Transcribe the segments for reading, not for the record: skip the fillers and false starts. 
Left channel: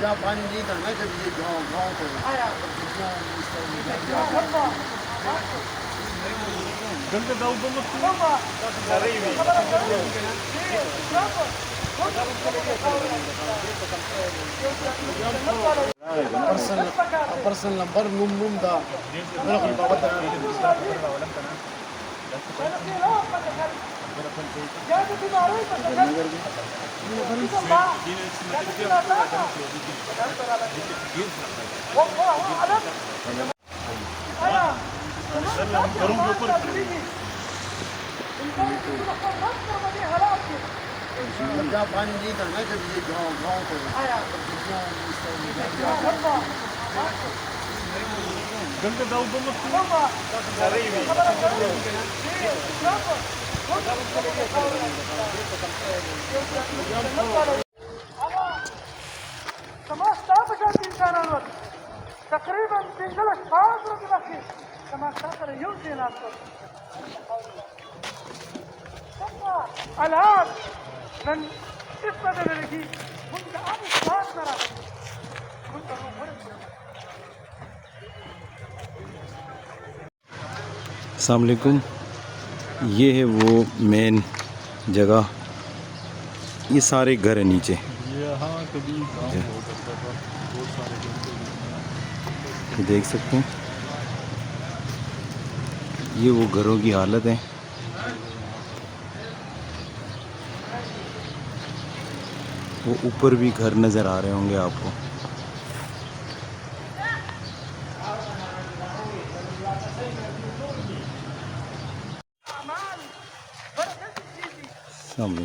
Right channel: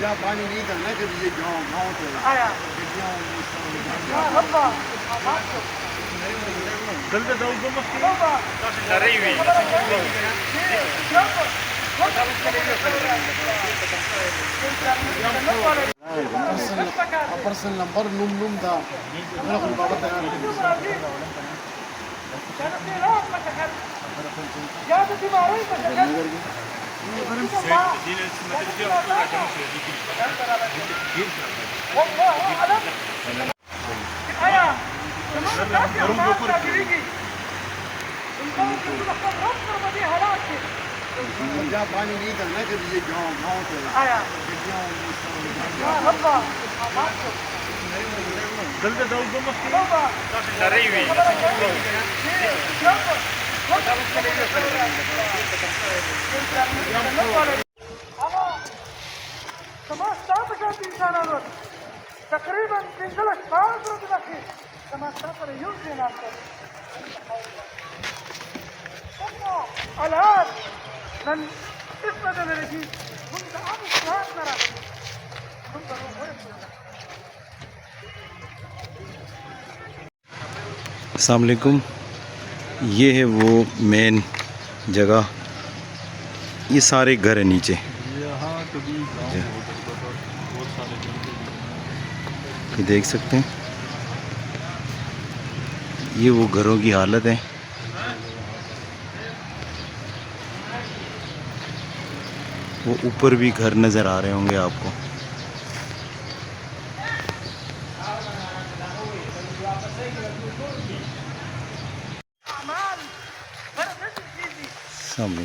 जहाँ पानी नहीं था ना जब ये गाँव गाँव तो पर्सनल नंबर नूम नूम था मेरा कोई बाबा था जहाँ पानी नहीं था ना जब ये गाँव गाँव तो تقريبا تنزلك فاضل بنفسي كما تقدر يمكن ان الان من اسود الذي منذ امس فاصله अस्सलाम वालेकुम। ये है वो मेन जगह, ये सारे घर है नीचे। ये देख सकते हैं, ये वो घरों की हालत है। वो ऊपर भी घर नज़र आ रहे होंगे आपको। सामने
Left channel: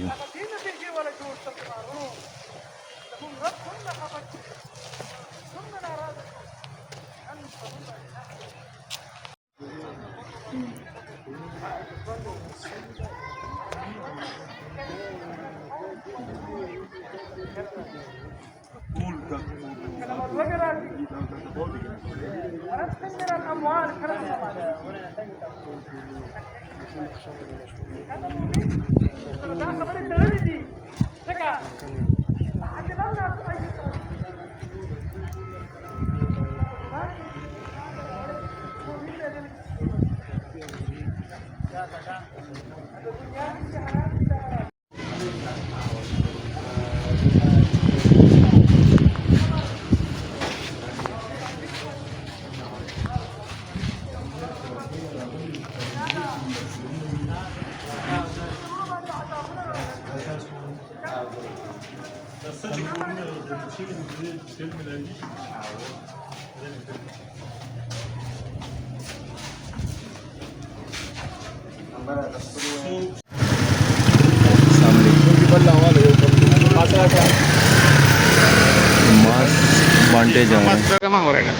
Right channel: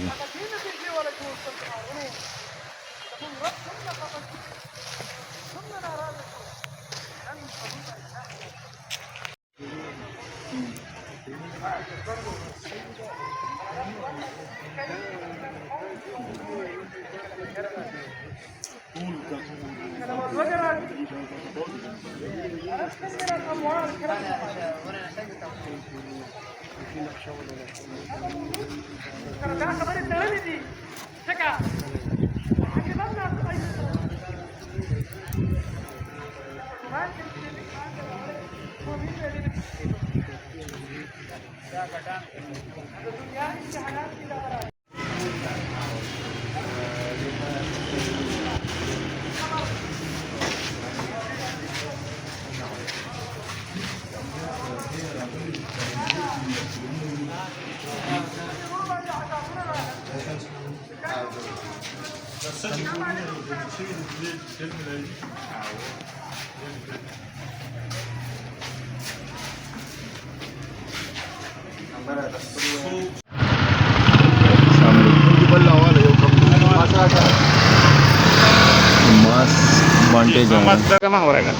मास बांटे जाएंगे।